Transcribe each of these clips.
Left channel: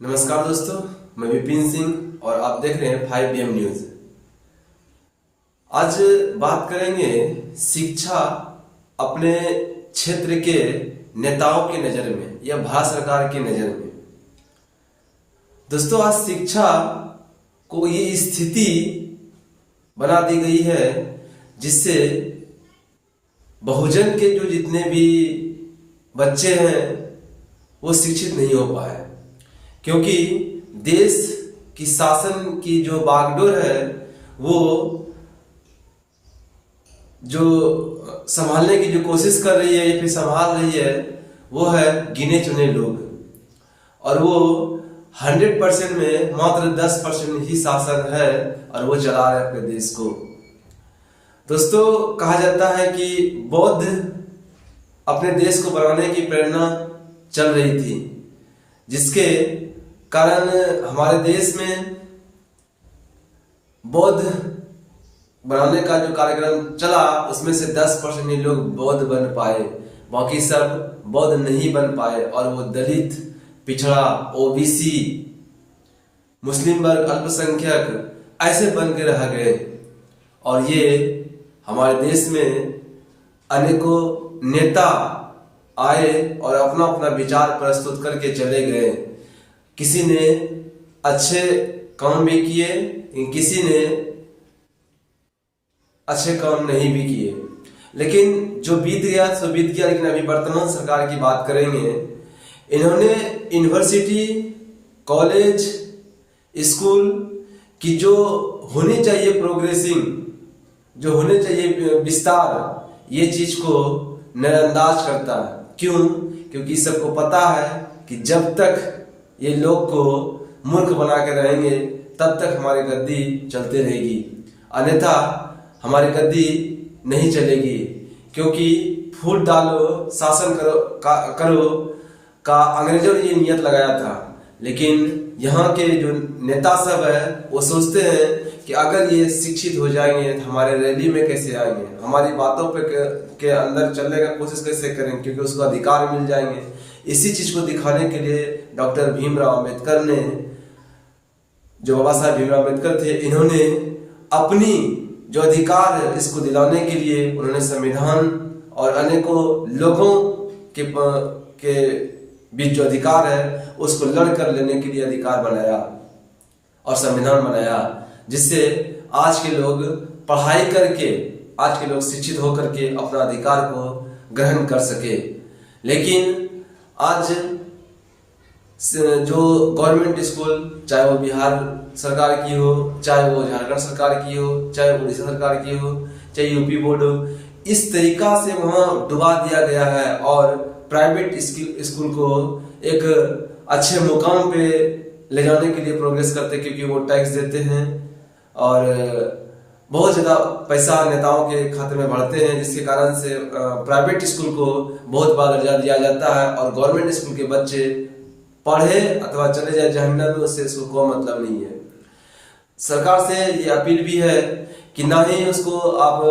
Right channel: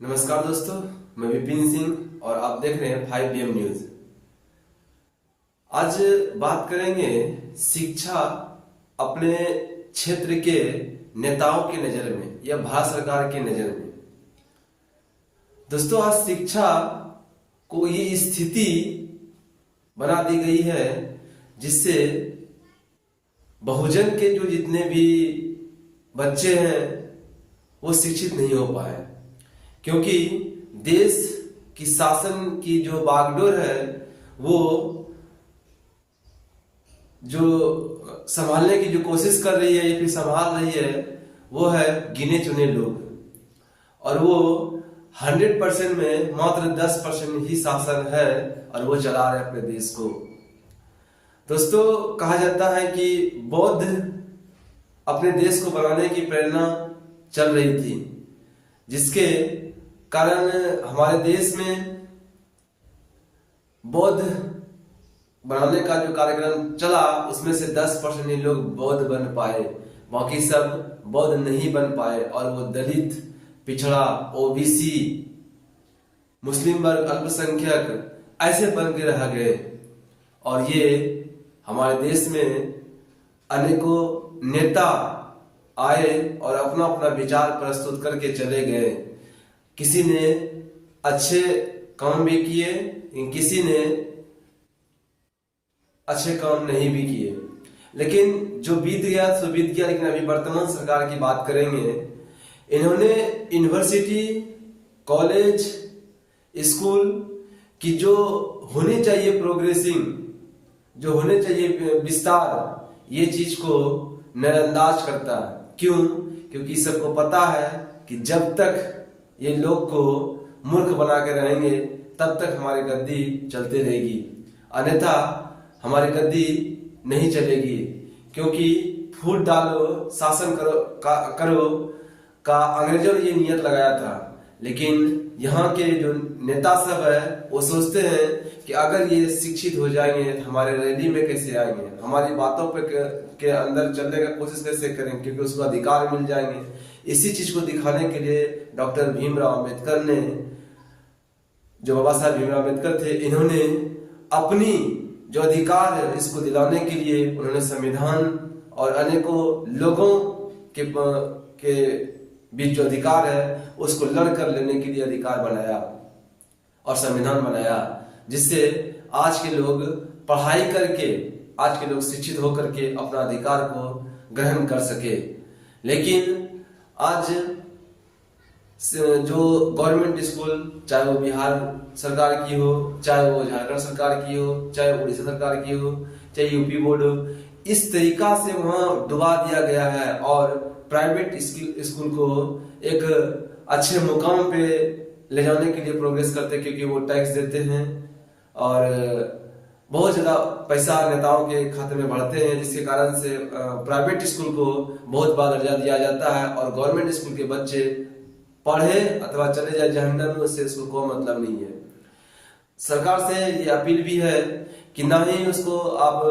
नमस्कार दोस्तों, मैं विपिन सिंह और आप देख रहे हैं 5 PM न्यूज। आज बात करेंगे शिक्षा अपने क्षेत्र के नेताओं की नजर में या भारत सरकार की नजर में। दोस्तों, आज शिक्षा को ये स्थिति बना दी गई है जिससे बहुजन के जो जितने भी बच्चे हैं वो शिक्षित नहीं हो पाए, क्योंकि देश की शासन की जो बागडोर है वो जो संभालने की जो कोशिश कर रही है या फिर संभाल रही है वो है गिने चुने लोग, और वो 100% में मात्र 10% ही शासन है और वो चला रहे अपने देश को। दोस्तों, कहा जाता है कि बौद्ध अपने देश को बनाने की प्रेरणा चल रही थी, जिसके कारण हमारे देश में बौद्ध बनाने का जो कार्यक्रम चला उसमें से 10% ही लोग बौद्ध बन पाए, बाकी सब बौद्ध नहीं बन पाए और वो दलित, पिछड़ा, ओबीसी, मुस्लिम वर्ग, अल्पसंख्यक ऐसे बन के रह गए। और ये हमारे देश में अनेकों नेता आए और अपना अपना विचार प्रस्तुत करके चले गए। किसी ने अच्छे काम भी किए, किसी ने अच्छे काम नहीं भी किए, लेकिन जो बीत गया सो बीत गया। लेकिन अभी वर्तमान सरकार की बात करेंगे। इन्होंने यूनिवर्सिटी, कॉलेज, स्कूल की जो होनी चाहिए प्रोग्रेसिंग, जो होने चाहिए विस्तार, ये चीज को नजरअंदाज करता है। क्यों? क्योंकि सबको पता है कि जब तक ये लोग को मूर्ख बना के रहेंगे तब तक हमारी गद्दी चलती रहेगी, अन्यथा हमारी गद्दी नहीं चलेगी। क्योंकि फूट डालो शासन करो का अंग्रेजों ने ये नियत लगाया था, लेकिन यहाँ के जो नेता सब है वो सोचते हैं कि अगर ये शिक्षित हो जाएंगे तो हमारे रैली में कैसे आएंगे, हमारी बातों पे के अंदर चलने का कोशिश कैसे करेंगे, क्योंकि उसको अधिकार मिल जाएंगे। इसी चीज को दिखाने के लिए डॉक्टर भीमराव अम्बेडकर ने, जो बाबा साहब भीमराव अम्बेडकर थे, इन्होंने अपनी जो अधिकार है इसको दिलाने के लिए उन्होंने संविधान और अनेकों लोगों के बीच जो अधिकार है उसको लड़कर लेने के लिए अधिकार बनाया और संविधान बनाया, जिससे आज के लोग पढ़ाई करके, आज के लोग शिक्षित होकर के अपना अधिकार को ग्रहण कर सके। लेकिन आज जो गवर्नमेंट स्कूल, चाहे वो बिहार सरकार की हो, चाहे वो झारखंड सरकार की हो, चाहे उड़ीसा सरकार की हो, चाहे यूपी बोर्ड हो, इस तरीका से वहाँ डुबा दिया गया है और प्राइवेट स्कूल को एक अच्छे मुकाम पे ले जाने के लिए प्रोग्रेस करते हैं, क्योंकि वो टैक्स देते हैं और बहुत ज़्यादा पैसा नेताओं के खाते में बढ़ते हैं, जिसके कारण से प्राइवेट स्कूल को बहुत बड़ा दर्जा दिया जाता है और गवर्नमेंट स्कूल के बच्चे पढ़े अथवा चले जाए जहन्नम में, उससे इसको कोई मतलब नहीं है। सरकार से ये अपील भी है कि ना ही उसको आप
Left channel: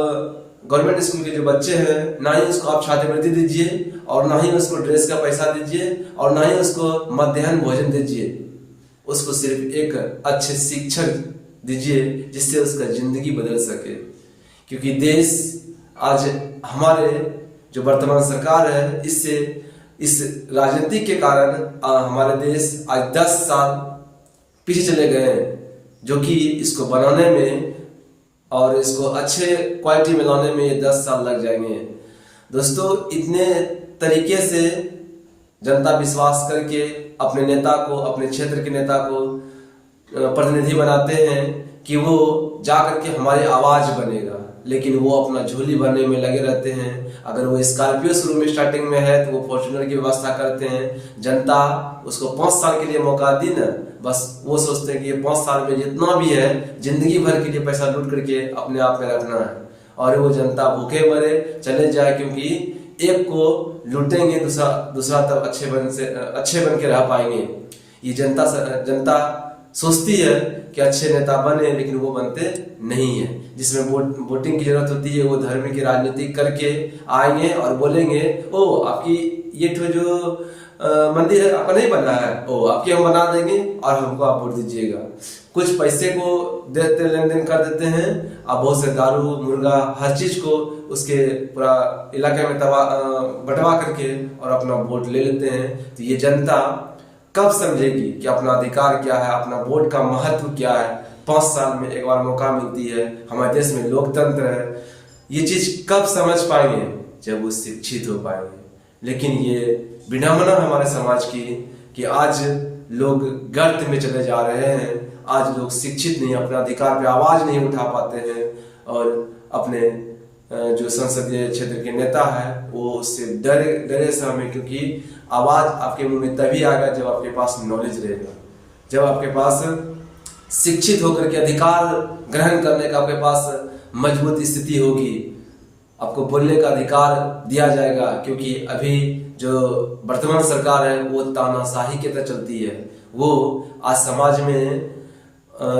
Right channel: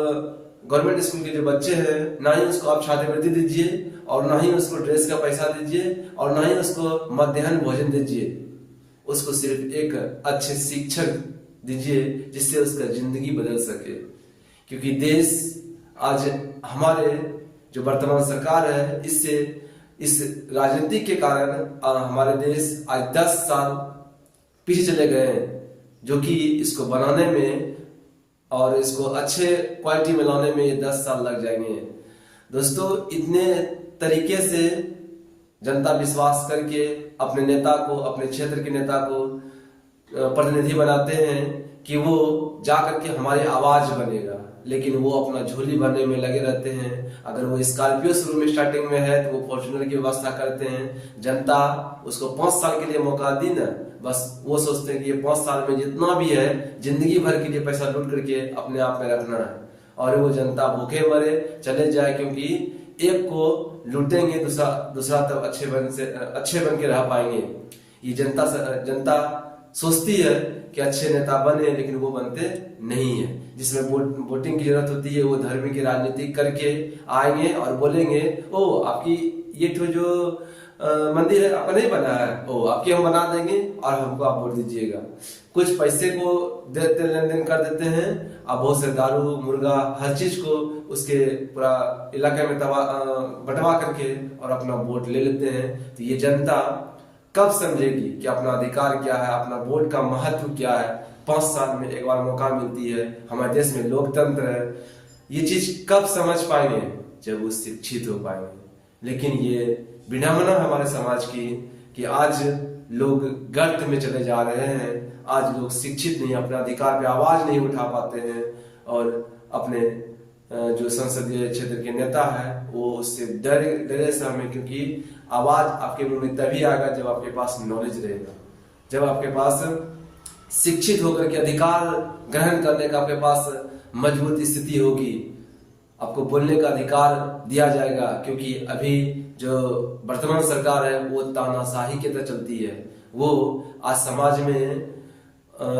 गवर्नमेंट स्कूल के जो बच्चे हैं, ना ही उसको आप छात्रवृत्ति दीजिए और ना ही उसको ड्रेस का पैसा दीजिए और ना ही उसको मध्याह्न भोजन दीजिए। उसको सिर्फ एक अच्छे शिक्षक दीजिए जिससे उसका जिंदगी बदल सके, क्योंकि देश आज हमारे जो वर्तमान सरकार है इससे, इस राजनीति के कारण हमारे देश आज 10 साल पीछे चले गए हैं, जो कि इसको बनाने में और इसको अच्छे क्वालिटी में लाने में ये 10 साल लग जाएंगे। दोस्तों, इतने तरीके से जनता विश्वास करके अपने नेता को, अपने क्षेत्र के नेता को प्रतिनिधि बनाते हैं कि वो जा करके हमारी आवाज बनेगा, लेकिन वो अपना झोली भरने में लगे रहते हैं। अगर वो स्कॉर्पियो शुरू में स्टार्टिंग में है तो वो फॉर्च्यूनर की व्यवस्था करते हैं। जनता उसको 5 साल के लिए मौका दी ना, बस वो सोचते हैं कि ये 5 साल में जितना भी है जिंदगी भर के लिए पैसा लूट करके अपने आप में रखना है, और वो जनता भूखे मरे चले जाए, क्योंकि एक को लूटेंगे दूसरा तब अच्छे बन के रह पाएंगे। ये जनता सोचती है कि अच्छे नेता बने, लेकिन वो बनते नहीं है। जिसमें वोटिंग की जरूरत होती है वो धर्म की राजनीति करके आएंगे और बोलेंगे, ओ आपकी ये जो मंदिर आपका नहीं बना है, ओ आपके हम बना देंगे और हमको आप वोट दीजिएगा। कुछ पैसे को देते लेन देन कर देते हैं, आप बहुत से दारू मुर्गा हर चीज को उसके पूरा इलाके में बंटवा करके और अपना वोट ले लेते हैं। तो ये जनता कब समझेगी कि अपना अधिकार क्या है, अपना वोट का महत्व क्या है। 5 साल में एक बार मौका मिलती है, हमारे देश में लोकतंत्र है। ये चीज कब समझ पाएंगे, जब वो शिक्षित हो पाएंगे। लेकिन ये विडंबना है हमारे समाज की कि आज लोग गर्त में चले जा रहे हैं। आज लोग शिक्षित नहीं, अपने अधिकार पे आवाज नहीं उठा पाते हैं और अपने जो संसदीय क्षेत्र के नेता है वो उससे डरे सहमे, क्योंकि आवाज आपके मुंह में तभी आएगा जब आपके पास नॉलेज रहेगा, जब आपके पास शिक्षित होकर के अधिकार ग्रहण करने का आपके पास मजबूत स्थिति होगी, आपको बोलने का अधिकार दिया जाएगा। क्योंकि अभी जो वर्तमान सरकार है वो तानाशाही के तहत चलती है। वो आज समाज में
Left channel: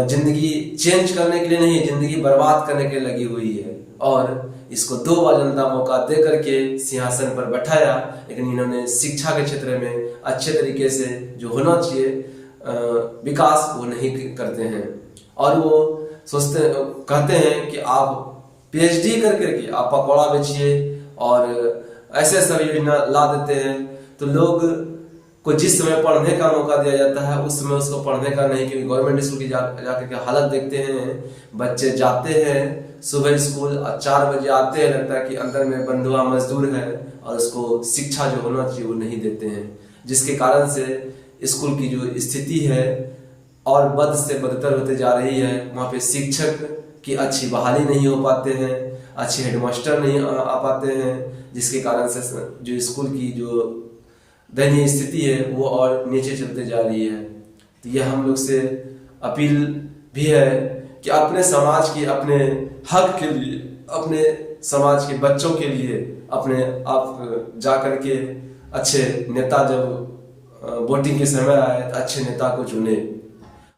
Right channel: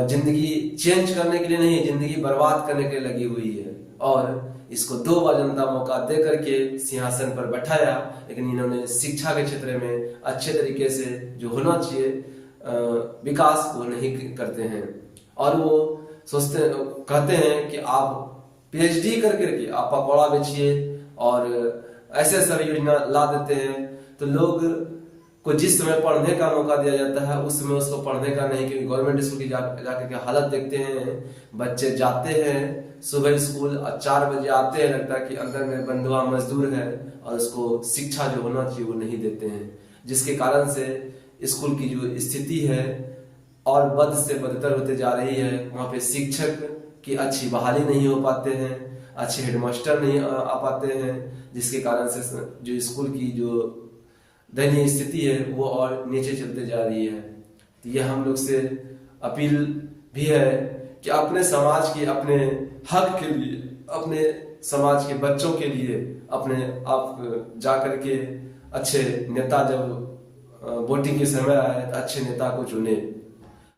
जिंदगी चेंज करने के लिए नहीं, जिंदगी बर्बाद करने के लिए लगी हुई है। और इसको 2 बार जनता मौका दे करके सिंहासन पर बैठाया, लेकिन इन्होंने शिक्षा के क्षेत्र में अच्छे तरीके से जो होना चाहिए विकास वो नहीं करते हैं। और वो कहते हैं कि आप PhD करके आप पकौड़ा बेचिए और ऐसे सब योजना ला देते हैं। तो लोग को जिस समय पढ़ने का मौका दिया जाता है उस समय उसको पढ़ने का नहीं, क्योंकि गवर्नमेंट स्कूल की जाकर के हालत देखते हैं। बच्चे जाते हैं सुबह स्कूल और 4 बजे आते हैं, लगता है कि अंदर में बंधुआ मजदूर है और उसको शिक्षा जो होना चाहिए वो नहीं देते हैं, जिसके कारण से स्कूल की जो स्थिति है और बद से बदतर होते जा रही है। वहाँ पे शिक्षक की अच्छी बहाली नहीं हो पाते हैं, अच्छे हेडमास्टर नहीं आ पाते हैं, जिसके कारण से जो स्कूल की जो दयनीय स्थिति है वो और नीचे चलते जा रही है। तो ये हम लोग से अपील भी है कि अपने समाज की अपने हक के लिए, अपने समाज के बच्चों के लिए अपने आप जा करके अच्छे नेता, जब वोटिंग के समय आए तो अच्छे नेता को चुने।